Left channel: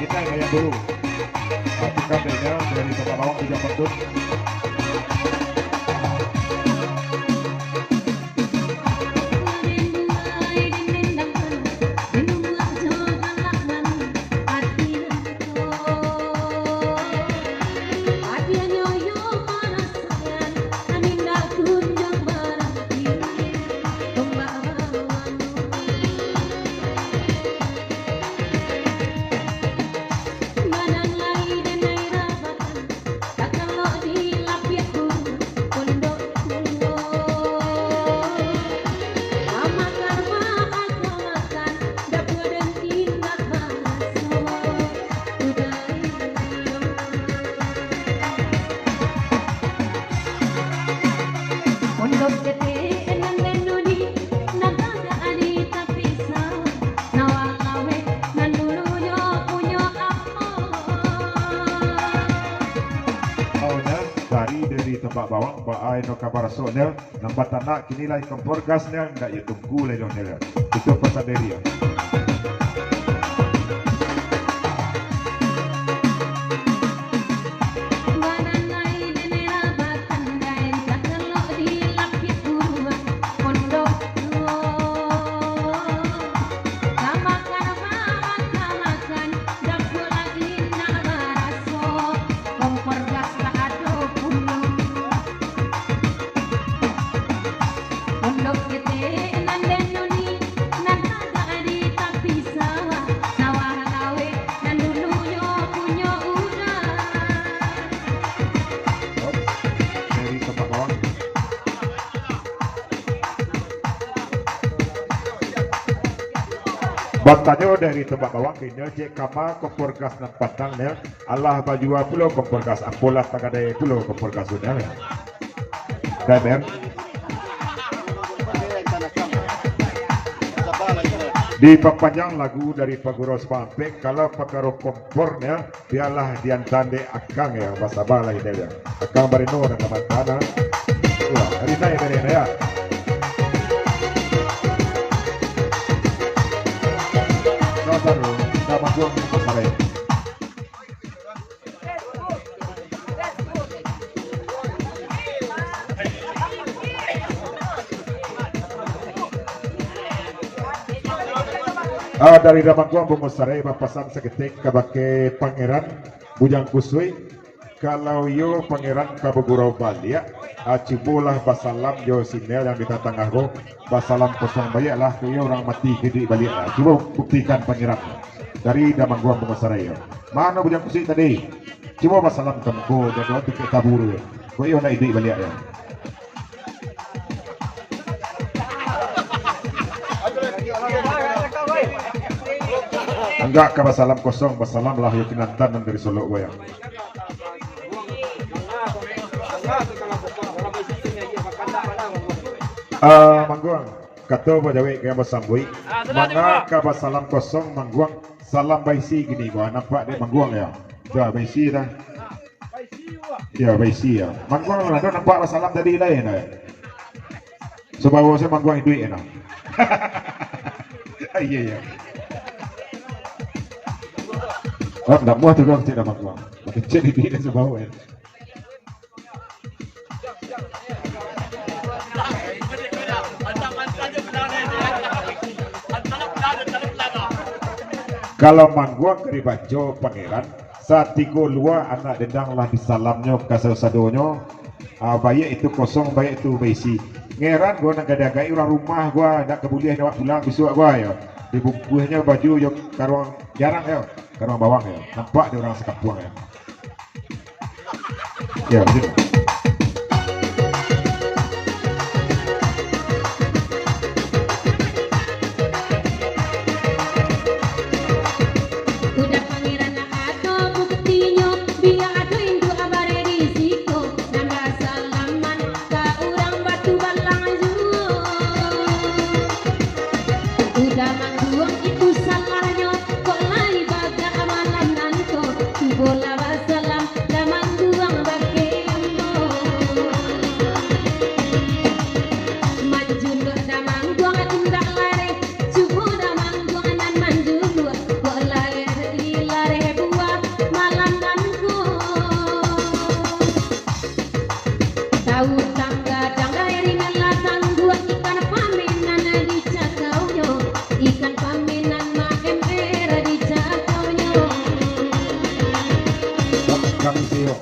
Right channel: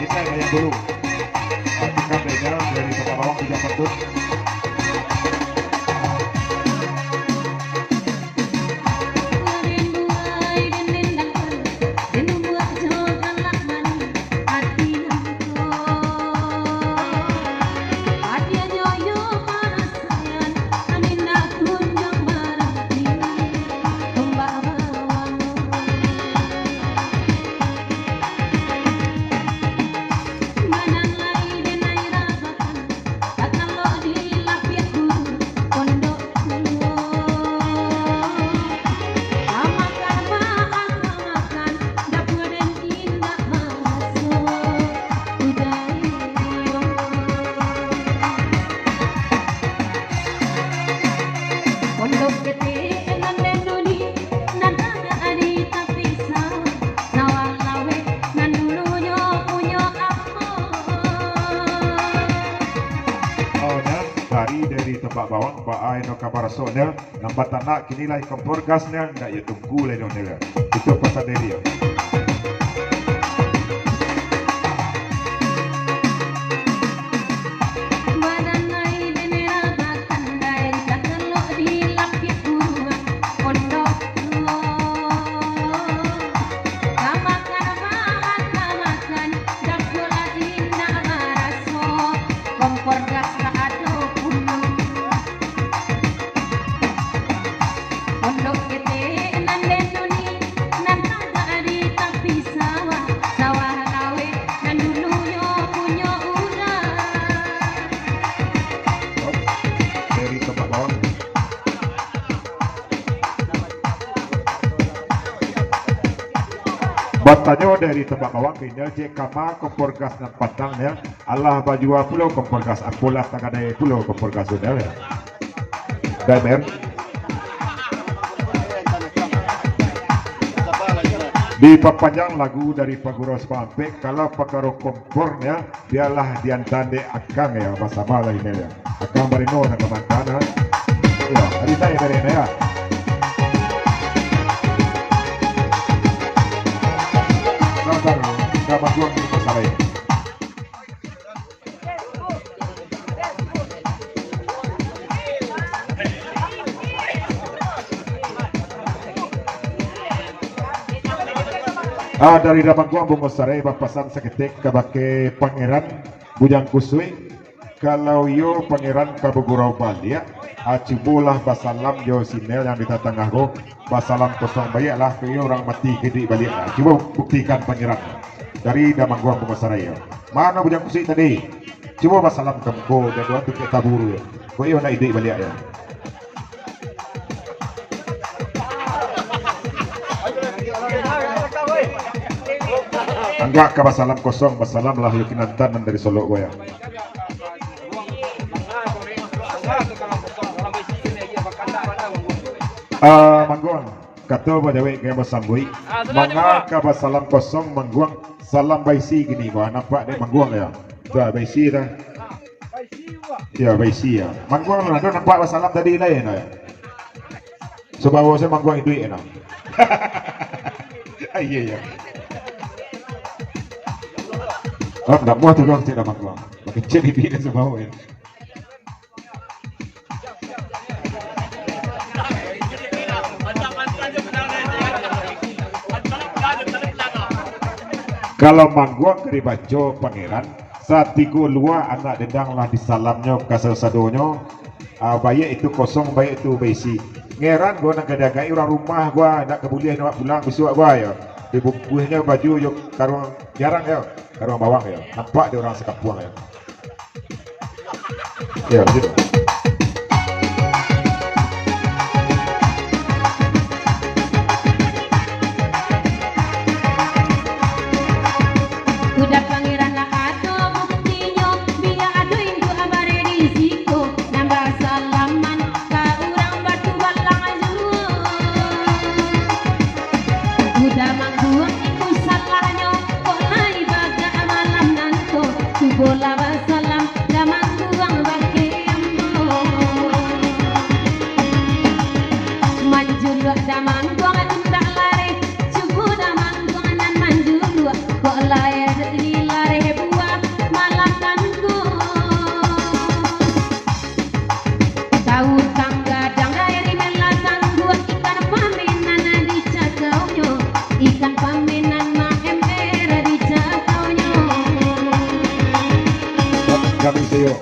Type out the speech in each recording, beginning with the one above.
kita yang dulu. Artikan dari Pekawang 3 kentut. Tembak bawang, baai no kabar sonel, nampak tanah kini lai kompor gasnya, nggak ya tunggu lai dong nela. Itu pasal dari ya. Batanya dari tembak bawang tinggal cek kama kompor gas nak patangnya Allah bajua pulau kompor gas akulah tak ada pulau kompor gas sudah ya. Dan di perpanjang lagu dari Paguros Pantek kalau pakaro kompornya dialah diantande akang ya bahasa bala ini ya akang barino dan kawan-kawan ya hari saya barino ya. Manggong di Pasarai. Dari Ramangguang Bungosarai papasan seketik kabake pangeran Bujang Kusui kalau yo pangeran kabugurau Balia acibulah basalam yo sinel yang kita tengah go basalam kosong bayak lah ke orang mati gede balik coba buktikan pangeran dari Damangguang Bungosarai. Mana Bujang Kusui tadi? Coba basalam kemko dan doa tu kita tabur. Kau iyo nak ide balik ya. Enggak ke basalam kosong, basalam lah yakinantan dari Solo gue ya. Mangguang kata banyak yang bersambui mangga ke basalam kosong Mangguang salam baisi gini gua nampak deh Mangguang ya. Dah baisi dah. Ya baisi ya. Mangguang ada nampak basalam tadi lain ya. Sebawa saya Mangguang itu ya. Iya ya. Oh, tidak muat tu dong tidak Mangguang. Kecil di dia sebawa ya. Kalau Mangguang dari Bajo pangeran saat tiga luar anak dendang lah disalamnya kasar sadonyo bayi itu kosong bayi itu baisi ngeran gua nak gadagai orang rumah gua nak kebulian nak pulang besok gua ya dibungkusnya baju yang taruh jarang ya taruh bawang ya nampak dia orang sekapuang ya begitu. Salami sayo.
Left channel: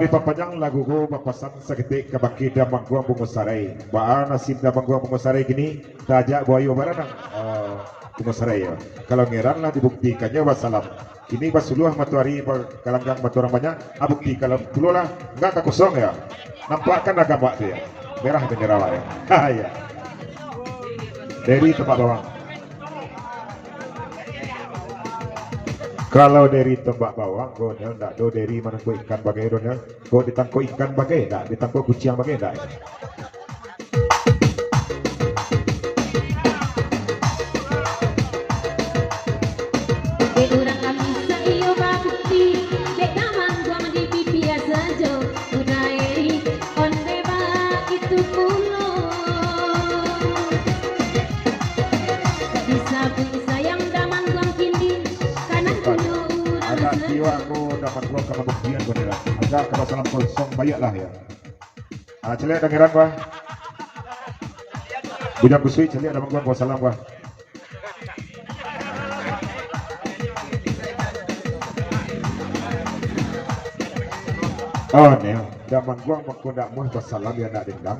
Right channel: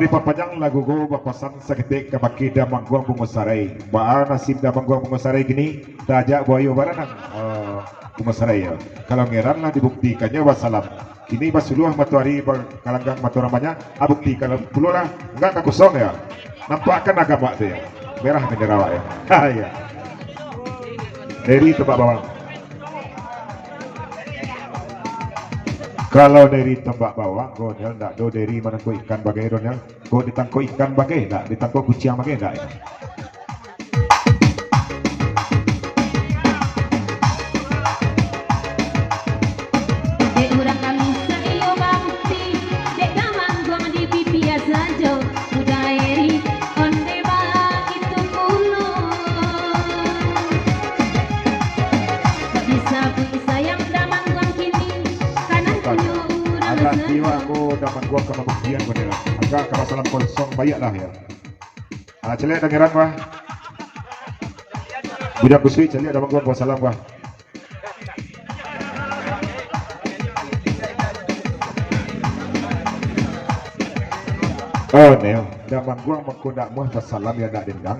Di papanyang lagu ko bapasan sa kitik kabaki damang guang bungosaray. Baan nasib damang guang bungosaray gini tajak buayo baranang bungosaray. Kalau ngeran lah dibuktikannya wassalam. Kini basuluh matuari kalanggang maturamanya abukti kalau pululah enggak kosong ya. Nampakkan agama dia. Merah bendera ya. Ya. Dari tebak bawang. Kalau dari tembak bawang, kau nak do dari mana kau ikan bagai donya, kau ditangkau ikan bagai, nak ditangkau kucing bagai, nak. Gua kena buktian bener agak kalau salam kosong banyak lah ya. Celek dengeran gua bujang kusui celek ada gua salam gua. Oh neo daman gua makundak muh salam ya nak dendang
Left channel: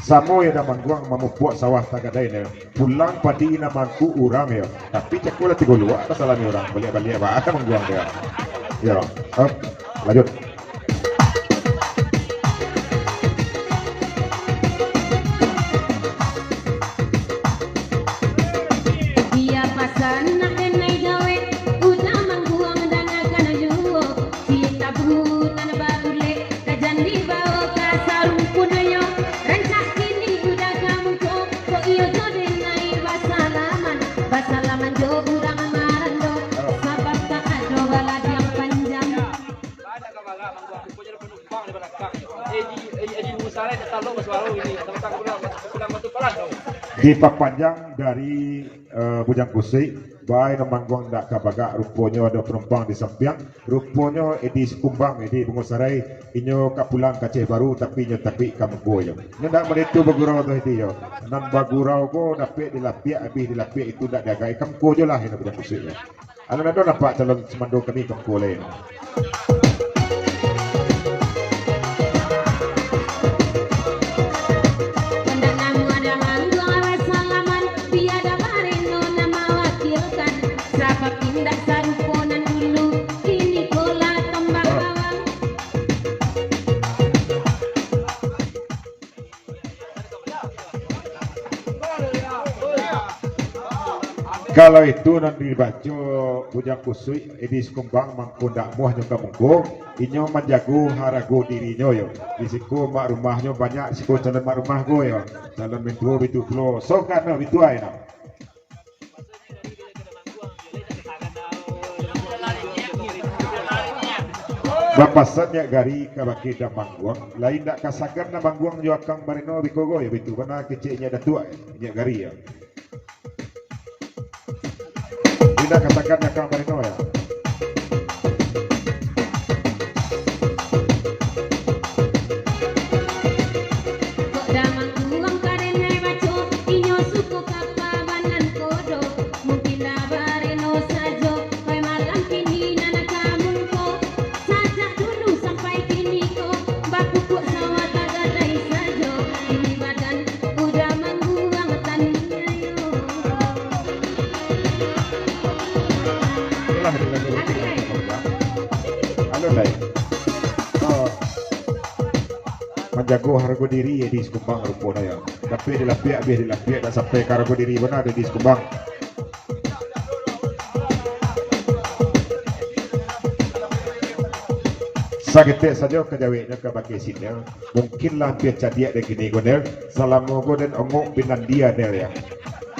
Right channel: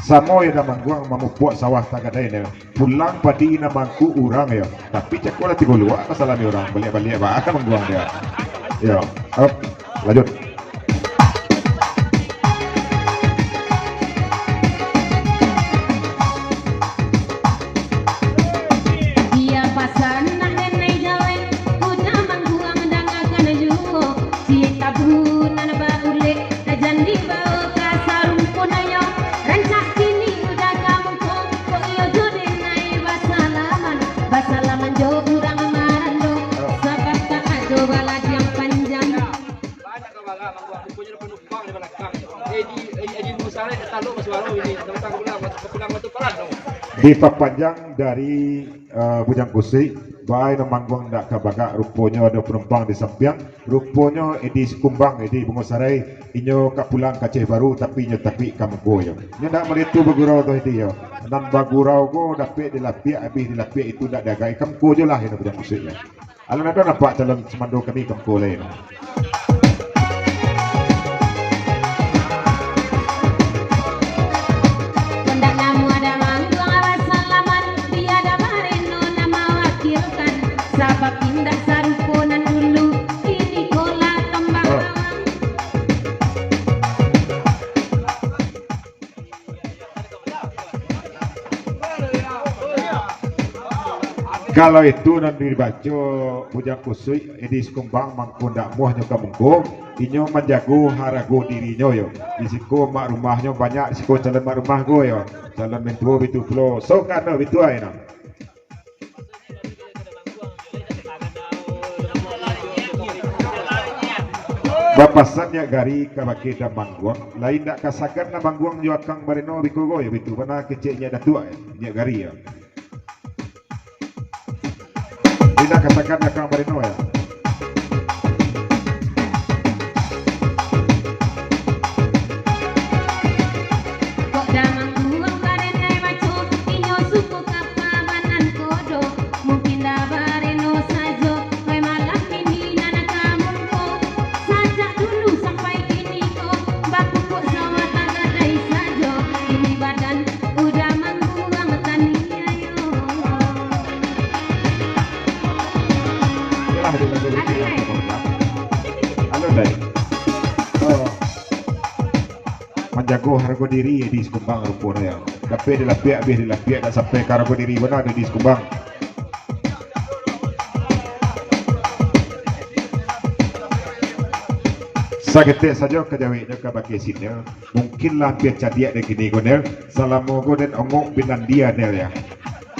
samo ya daman gua mamupuk sawah tagadai neo pulang padi namanku urang ya tapi cakul tiga luar salam ya orang balik-balik ba akan mengguang dia. Ya, lanjut. Dia pasan mengenai gawe, udah mangguang dan akan juo. Cita bunan baule, kajan dibawa ke sarung punayo. Rancak kini udah kamu kok iyo jodoh naik basalaman jo udah mengarendo. Sakarta ado balad yang panjang. Punya penumpang di belakang. Edi Musale taluk suara ini tentang pulang batu pelan dong. Di panjang dari Bujang Kusui, baik namanggung ndak kabaga rupanya ada penumpang di sampian, rupanya edi sekumbang edi bungosaray inyo kapulang kaceh baru tapi nyo tapi kamgo yo. Nyo ndak meritu bagurau tu edi yo. Nan bagurau go dapat dilapia habis dilapia itu ndak dagai kamgo jo lah yang Bujang Kusui. Alam ada nampak calon semando kini kamgo lain. Kalau itu nanti dibaca Bujang Kusui edi sekumbang mangkundak muah nyo kamungko inyo menjago harago dirinya yo disiko mak rumahnya banyak disiko calon mak rumah go yo calon mentua itu flow so karena itu aja nak bapasannya gari kabaki dan mangguang lain nak kasagan na mangguang yo kang marino bikogo yo itu mana kecilnya datua nya gari ya. Tidak katakan akan berino ya. Menjago harga diri di sekumbang rumput ya. Tapi dilapia dan sampai harga diri benar di sekumbang. Sakit saja kejawabnya ke bagi sini. Mungkinlah biar cadiak dek gini gonel. Salam mogo dan omong Finlandia del ya.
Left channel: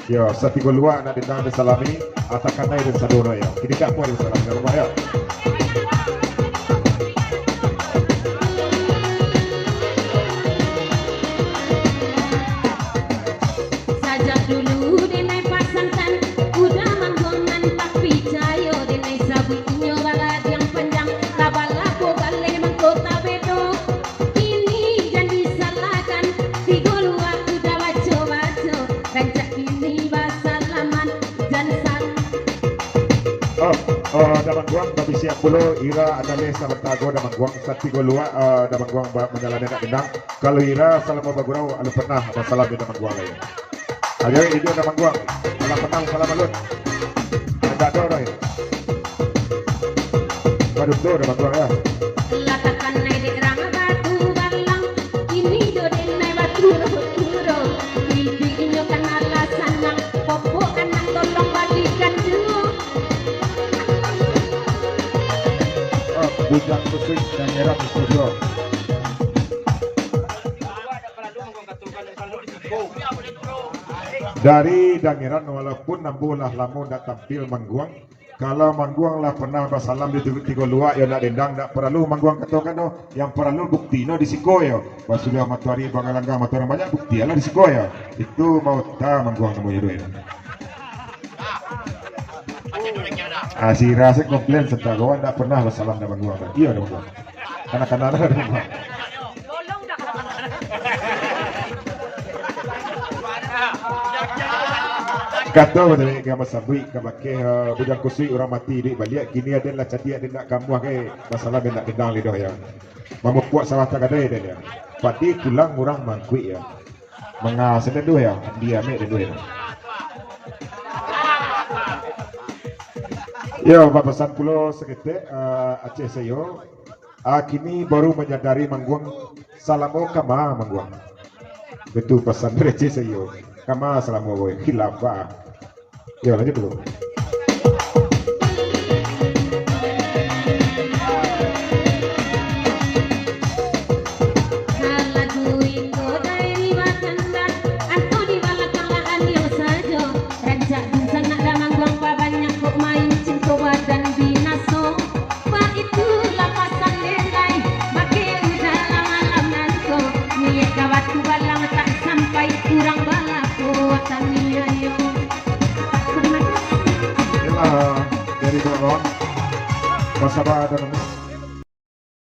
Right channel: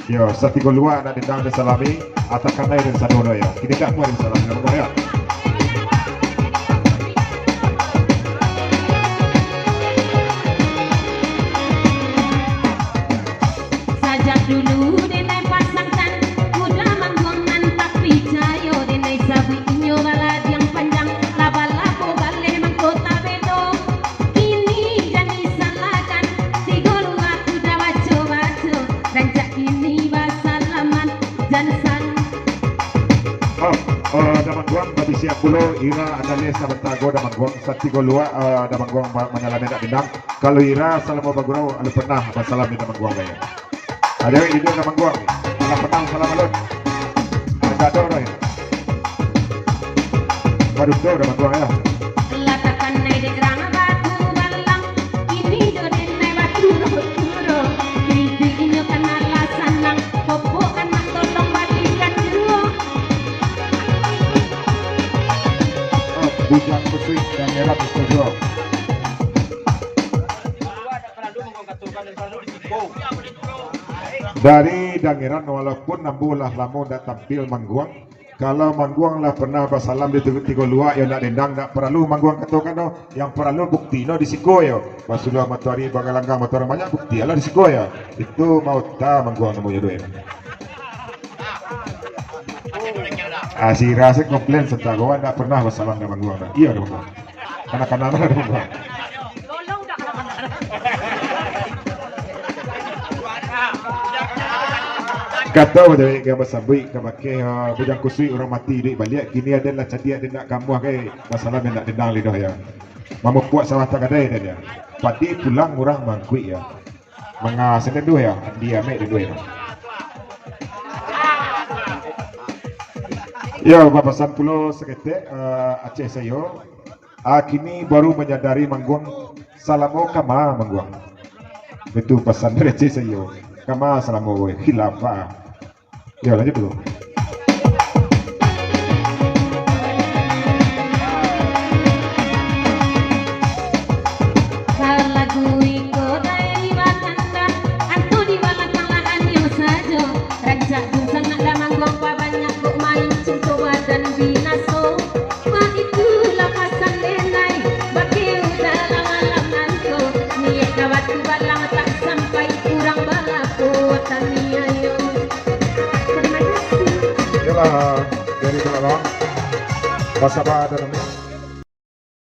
Yo, satu luar nak ditang salami atakan yang sadono ya. Kini tak boleh salam rumah ya. siap pula ira ada lesa bertago dan mangguang sati golua dan mangguang menyalami nak benang. Kalau ira salam bagurau anu pernah masalah di mangguang ya. Ada ini dia mangguang. Anu pernah salam alun. Ada ada ya. Baru tu dan mangguang ya. Latakan naik di gerang batu balang, ini jodoh naik batu turo. Bibinya kena lasanang, popo kena tolong balikan dulu. Bujang kusui dan merah bersejo. Dari Dangiran walaupun nambulah lamun dah tampil mangguang, kalau mangguang lah pernah bersalam di tiga luar yang nak dendang nak perlu mangguang katakan no, yang perlu bukti no di siko yo. Basulah matahari bangalanggang matahari banyak bukti lah di siko yo. Itu mau ta mangguang nemu yudoi. Si Rasik komplain serta gua tak pernah bersalam dengan mangguang. Iya dong mangguang. Kanak-kanak ada mangguang. Kata dari gambar sabui kabake bujang kusui orang mati di balik kini adalah cadia dia nak kamu kai masalah dia nak dendang lidah ya. Mama kuat salah tak ada dia. Padi pulang orang mangkui ya. Menga sedang dua ya. Dia ambil dua ya. Ya bapasan pulau seketik Aceh sayo. Kini baru menyadari mangguang salamo kama mangguang. Betul pesan dari Aceh sayo. Kama salamo khilafah. Ya lanjut dulu. Dari Masalah dan